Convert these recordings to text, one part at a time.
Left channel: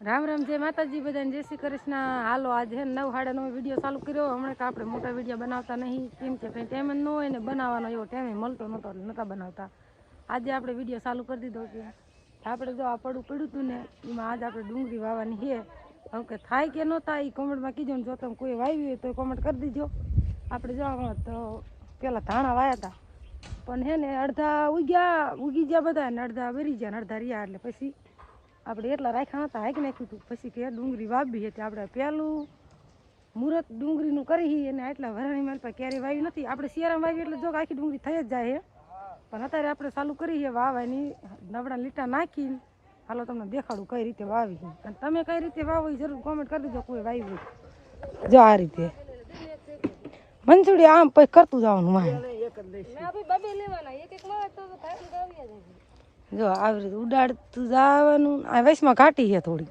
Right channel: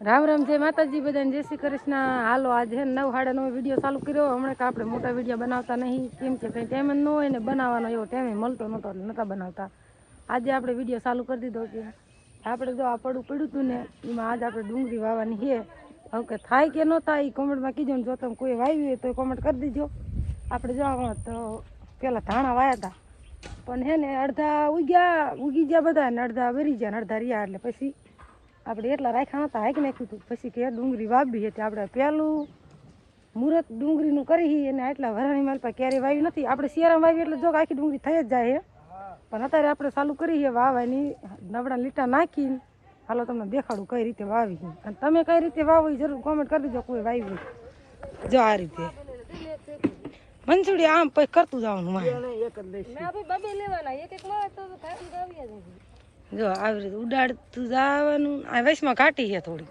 રામ રામ, જય માતાજી, બધાને જય શ્રી કૃષ્ણ. હાલો, આજે નવ સાડા નવ વીડિયો ચાલુ કર્યો. હમણાં કે આપણે મોટા વીડિયો બનાવતા નહીં. કેમ કે કંઈ ટાઈમ ન હોય ને બનાવવાનો એવો ટાઈમે મળતો નહોતો નહોતા બનાવતા. આજે આપણે વીડિયો ચાલુ કરી દીધો કે આપણે જો આ પડું પડ્યું હતું ને, એમાં આજે આપણે ડુંગળી વાવવાની છે. હવે કે થાય કે ન થાય એ કોમેન્ટમાં કીધું ને, જો તમે કોઈ વાવી હોય તો કોમેન્ટ કરી દીજો. આપણે જો તો પેલા ધાણા વાયા હતા પણ હે ને અડધા ઉગ્યા, ઉગી ગયા બધા ને અડધા વરી ગયા ને અડધા રહ્યા એટલે પછી આપણે એટલા રાખ્યા હતા હાંકી નાખ્યું પછી કે ડુંગળી વાવી હતી, આપણે પહેલું મુહૂર્ત ડુંગળીનું કરી અને આટલા વરાણી માલ પર ક્યારેય વાવી નથી. આપણે શિયાળામાં વાવી એટલે જો આખી ડુંગળી થઈ જ જાય પણ અત્યારે આપણે ચાલુ કરી છે વાવવાની, નબળા લીટા નાખીને. હાલો તમને દેખાડું કઈ રીતે વાવી અને તમે કઈ રીતે વાવો એ જરૂર કોમેન્ટ કરી દેજો, કોઈ વાવી જો આ રીતે. મંજુડી આમ પછી કરતું જવાનું મારે. જો આવી રીતે ઉડાડતું જવાનું. આ વૈશમાં ઘાટી છે થોડી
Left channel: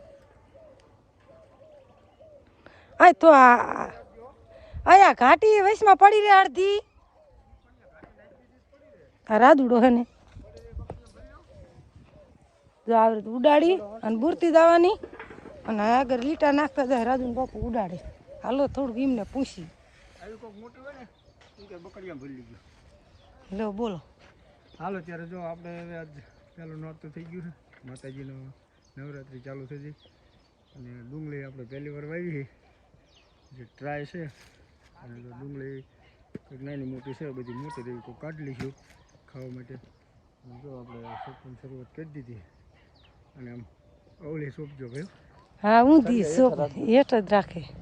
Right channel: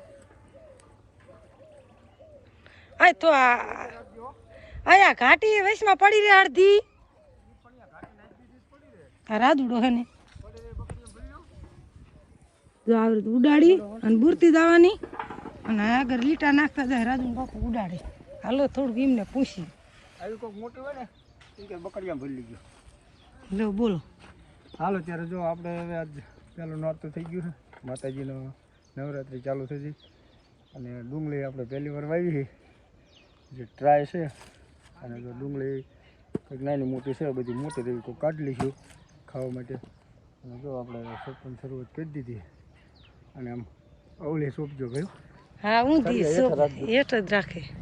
આ તો આ આયા ઘાટી વૈશમાં પડી રહે અડધી. આ રાદુડો હે ને. જો આવી રીતે ઉડાડી અને બુરતી જવાની. અને આગળ લીટા નાખતા જાય રાજુ બાપુ ઉડાડે. હાલો થોડુંક એમને પૂછી આવી કોઈક મોટી હોય ને લો બોલો. હાલો ત્યારે જો આપણે હવે આજ પહેલું નોરતું થઈ ગયું છે. માતાજીનો નવરાત્રિ ચાલુ થઈ ગઈ. અને ડુંગળી આપણે પહેલી વાર વાવી છે. જે ટ્રાય છે. અને જો ડુંગળી કંઈક નાની મોટી છે બધી મોટી રહી કોઈ કાઢી લઈશું ખાવા માટે. અને જો આપણે સોપન શરૂઆત કરી દીધી. અને આમ અવળી સોંપજો ભાઈ. હા ઊંધી સોપ હેઠ જ રાખે.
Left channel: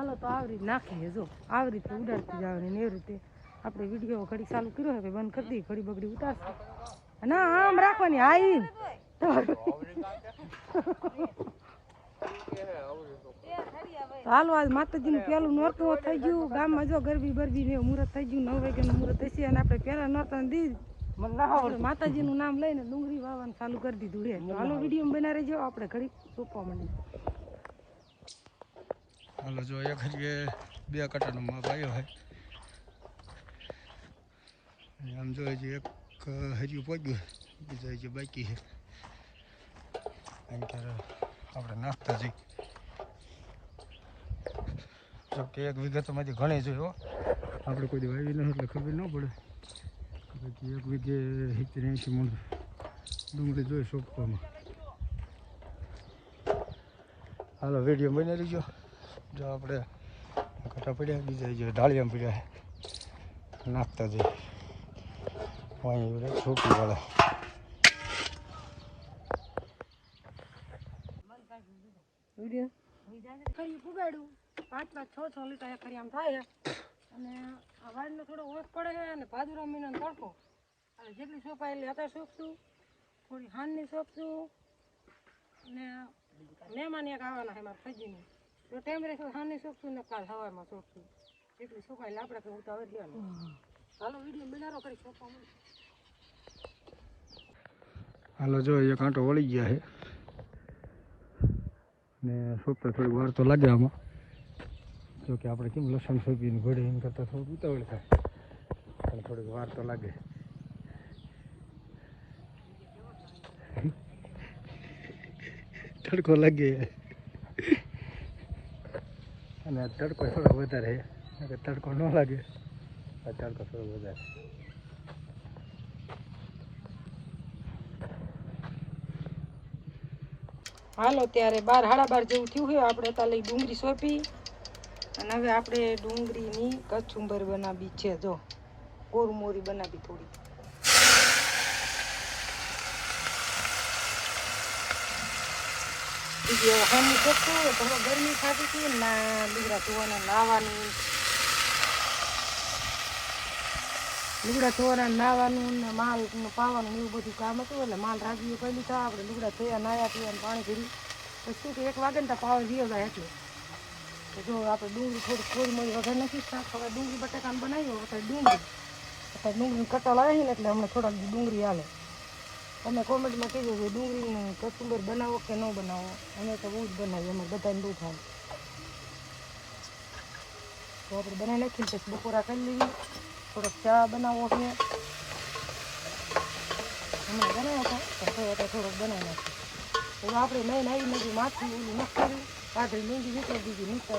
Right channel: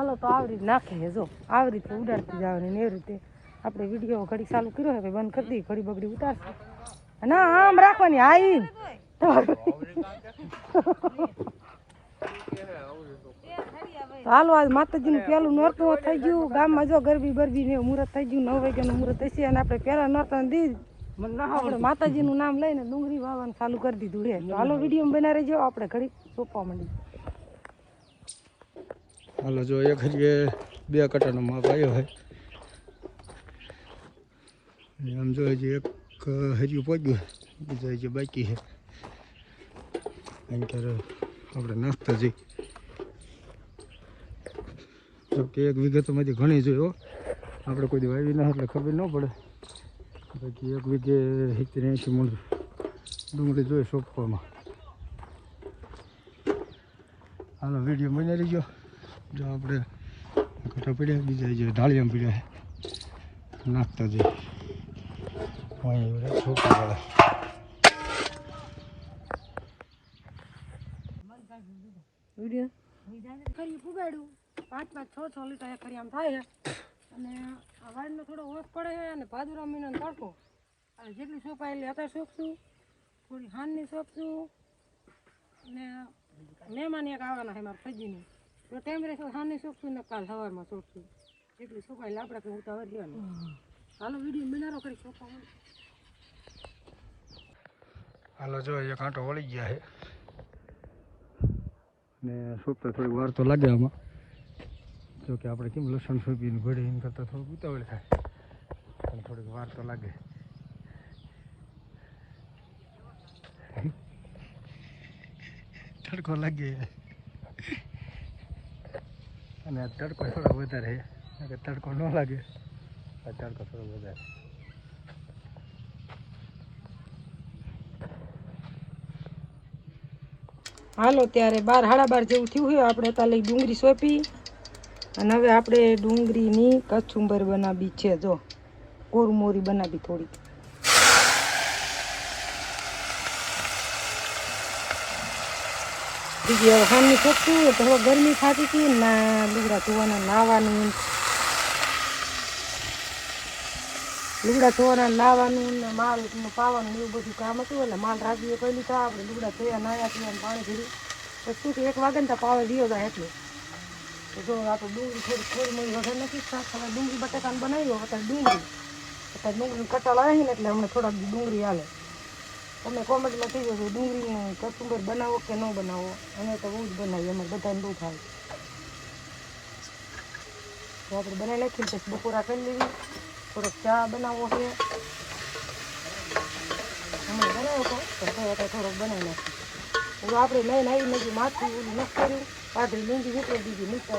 હાલો તો આવી રીતે નાખીએ જો. આવી રીતે ઉડાડતી જવાની ને એવી રીતે. આપણે વીડિયો ઘડી ચાલુ કર્યો છે બંધ કરી દઈએ, ઘડી બગડી ઉતારશું. ના આમ રાખવાની હા હાલો, આજ માતાજીનું પહેલું નોરતું થઈ ગયું. ગામમાં જો ગરબી બરબી ને મુહૂર્ત થઈ ગયું, નવ વાગ્યાનું મુહૂર્ત હશે અને આપણે પહેલા નોરતા દી આપણે માતાજીનું નામ લઈને ડુંગળી વાવવાનું ચાલુ કરી દીધું તો હાલો વીડિયો બનાવી રહેજો. આપણે ઘડી સોંપવા માંડી હાલો, જો એક હજી બે કટાનો માપ આવ્યો હોય. આમ જો હજી એક હજુ પહોંચ્યું બીજા હજી બાકી છે. અહીં ક્યારે આપણે નાખતા જઈ કે એક વિગતમાંથી ઘણી જોયો આપણે કોઈ વાવી ના એટલે ખબર ન પડે. બાકી એક વીઘે સિત્તેર એંશી મૂળ ડુંગળી જોઈ સોંપવામાં. હાલો, વીડિયો બનાવી રહીજો જો આપણે ઘટા પડ્યા બીજા જે ઢાળિયામાં પડ્યા છે નાખતા જઈએ અહીં છોકરા પુગાડ્યું. પાંચ પાંચ છ છ લીટર એક આમ થાય અને આ વાડીનો થોડો ઓછ પડે છે અને ભાદુરા મહિનાનો તડકો. અને જેટલી સોંપાયેલી હતા સોંપશું થોડી હાનની સોંપશું અને મહેમાન એક આવવાના છે મારા સજીની તો ટાઈમ રહેશે હાનની સોંપશું ને કાલ સવારમાં સોંપશું જેટલી સોંપાયેલી આપણે કંઈ ઉતાવળ લેવાની. હાલો, વીડિયો મિનારો કરી છાપા. હાલો, જો એ કાંટો વળી ગયા છે. ને સોપતા થોડી વાર તો લાગે આમાં. જો કે આપણે કેમ લસણ સોંપીને ઘડે એમ કરતાં થોડુંક ઉતાવળ થાય. પણ થોડીક વાર તો લાગે. તડકો લાગે. અને તડકો થોડો વધારે તડકો ન લાગે તડકો થોડો વધારે હાલો, ત્યારે બાર હાડા બાર જેવું થયું હોય આપણે તાલે ડુંગળી સોંપી અને હવે આપણે ડુંગળીની કચુંબર બનાવી છે. જો કોરમોરી બનાવી થોડી બીજી હવે ખાંડની તો ગરમી થતી હતી, ના લુગડા ધોવાના, નાવાનું. લુગડા ધોવાના, નાવાનું, ને માલ પાવાનું એવું બધું કામ હતું, એટલે માલ રાખીએ પહેલી તો. આપણે લુગડા ધોયા, નાયા પીવાનું પાણી ભર્યું. તો શું કે, એક વાગે ને તો પાવે રહ્યો જાય એટલે. તો જો આપણે ડુંગળી થોડી ખોરી મોડી વગર નથી શાક હવે ડુંગળી બટાકાને બનાવ્યો અત્યારે ડુંગળી. અત્યારે ડુંગળી કટાળ આવે ને એટલે હમણાં થોડાક ડુંગળી હાલે. તમે કોમેન્ટમાં કહેજો કે ડુંગળીનું કસુંબર બનાવો કે ન બનાવો? અમે તો બહુ જ બનાવીએ, અમારે બધાને બહુ ભાવે. તો આપણે બનાવી નાખીને પછી બપોરા કરી લેવી. થોડોક ચા બનાવવો છે. હમણાં બનાવ્યો હતો પણ તો અત્યારે થોડોક બનાવી નાખ્યો હવે આપણે મેં નાવી નાખ્યું માથું ઓલું નથી કર્યું. પાથરી મૂંગી નીકળી દીધી નીચે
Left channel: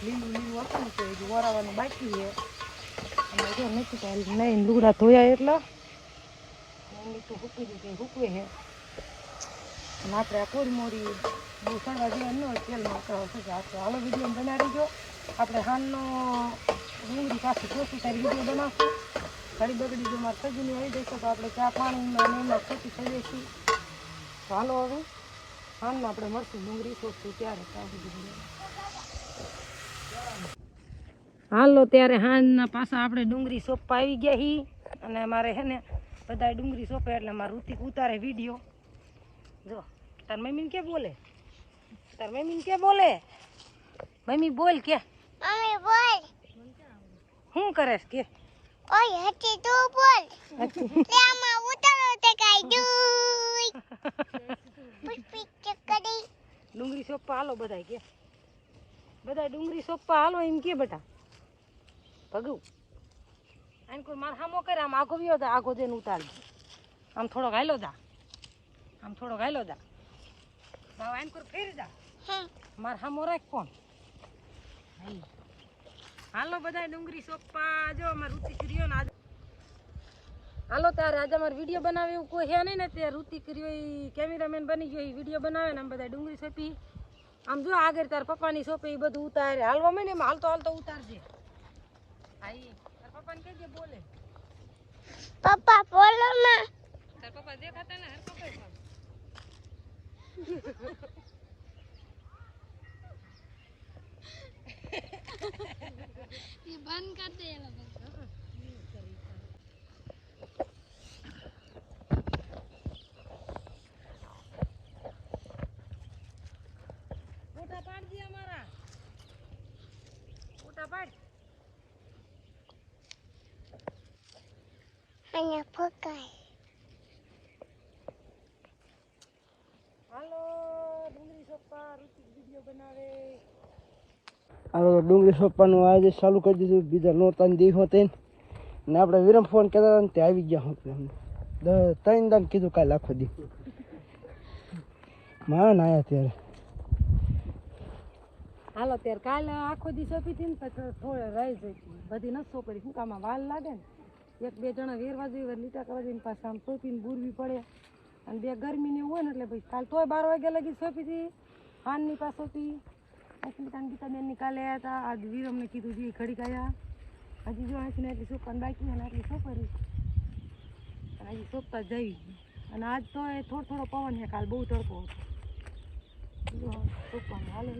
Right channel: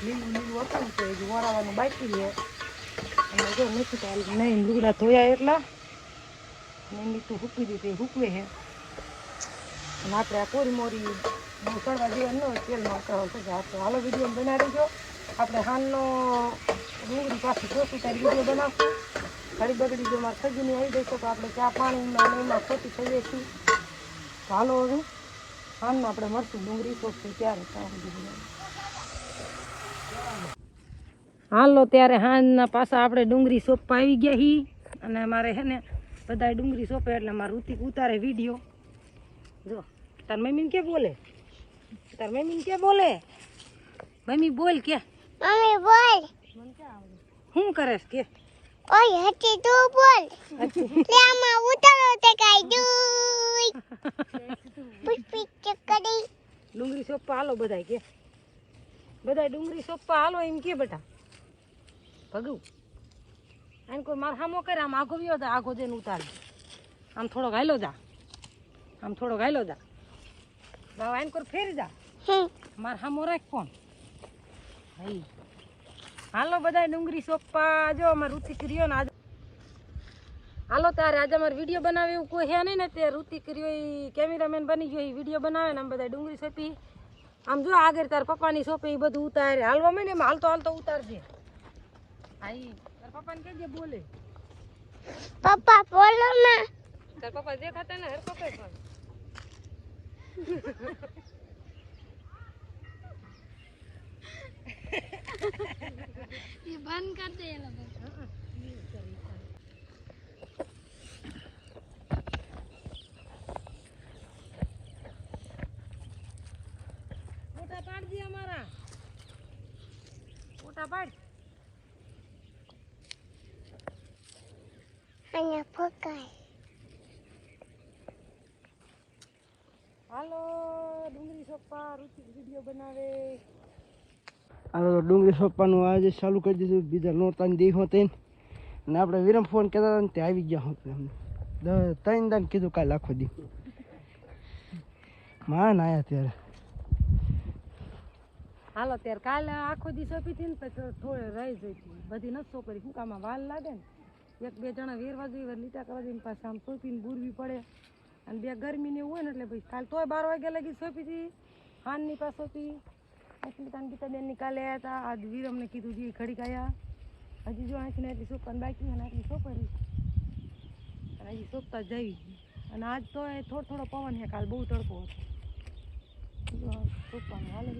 લીલું લીલું હતું તો હજુ વરાવાનું બાકી છે. અને જો નથી તારી નહીં, લુગડા ધોયા એટલા. નહીં તો દીધી, હૂકવે છે. અને આપણે આ કોરી મોરી બહુ સળવા જેવા ન તેલમાં કરો છે આપણે હાલો વીડિયો બનાવી જો આપણે હાનનો ડુંગળી પાછી ખોટી તારી વીડિયો બનાવશું. ખરી બગડી જો મારે સજુની આવી જશે તો આપણે ચા પાણીમાં અને એમાં ખોટી થઈ જઈશું તો હાલો હવે હાનમાં આપણે મળશું ડુંગળી સોપશું ત્યારે ત્યાં સુધી બનાવીએ. હાલો, ત્યારે હાંજના પાછા આપણે ડુંગળી સોપવા આવી ગયા હી અને મારે છે ને બધા ડુંગળી સોંપે એટલે મારા ઋતિક ઉતારે વીડિયો જો તાર મમ્મીને કે બોલે? તાર મમ્મીને કે બોલે? મમ્મી બોલ કે. મમ્મી બોલ. શું કરેશ કે? ઓય હટી તું બોલ. આમાં ઉતારો તે કાઈ દુઈ પુષ્પી ચકડી ડુંગળી સોપા હાલો બધાય કે. બધાય ડુંગળી સોપા હાલો એમ કે બેટા. ભગુ. આને કોઈ માર હામો કરે આમ આગો વ્યો જા આગો જઈને ઉતારી. આમ થોડો ઘાયલો જા. આમ થોડો ઘાયલો જા. બાબા આને કોઈ ફેરી જા. માર હામો રાખ કોણ હાઈ હાલો બધા ડુંગળી સોપા જો અમારે ઋતિક રહ્યો ને આજે. હાલો તારે આજે અમારે વીડિયો બનાવે એવું કોઈ હે નહીં ને તે ઋતિક રહ્યો એ કેમેરામેન બની ગયો એ વીડિયો બનાવે ને આમ બધા ડુંગળી સોપી. આમ જો આગળ તાર પપ્પાની સોપે એ બધું ઉતારે. હાલવા માંડે એમાં હાલતો હાલતો ઉતારજે. આવી પપ્પાને કહેજે બોલે. પપ્પા બોલો માં તાર પપ્પા જે ખાતા ને હર પપ્પા પણ મોટા પાડ દે અમારા. મોટા પાડ. અને ફકાય હાલો ડુંગળી સોપા ઋતિક વીડિયો બનાવે. હવે ડુંગળી સોપાનું આજે ચાલુ કરી દીધું. બીજા નોરતાની દી હોતે ને આપણે વિરમ ફોન કર્યા હતા ને તે આવી ગયા હોત અમને. ત્રણ દાન કીધું કાલે આખો દી. માન આયા ત્યારે. હાલો ત્યારે કાલે આખો દી સોંપી હતી ને પછી થોડે રહી જતી. બધી નથી સોંપી શું કામ વાલ લાગે ને? એક, બે જણા વેરવા જોઈએ લીટા કરવા જોઈએ પાસે આમ સોંપીને બુરવી પડે. અને બે ગરમી ને હોય ને એટલે ભાઈ કાલ તોય બાર વાગ્યા લગી સોંપી હતી હાનની પાસે સોંપી. અસ્મિતા ગીતાબેનની કાલે આવ્યા હતા આજ વીરમને કીધું જે ખડી ગયા હજી જો આંખને એટલી સોંપવાની બાકી અને આટલી સોંપરી અને હજી સોંપતા જઈ અને આજ તો એ થોડો થોડો પવન છે, કાલ બહુ તડકો હતો. જો સોંપવાનું. હાલો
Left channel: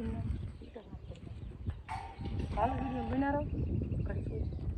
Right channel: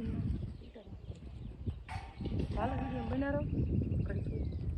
હાલો વીડિયો બનાવો ઘડી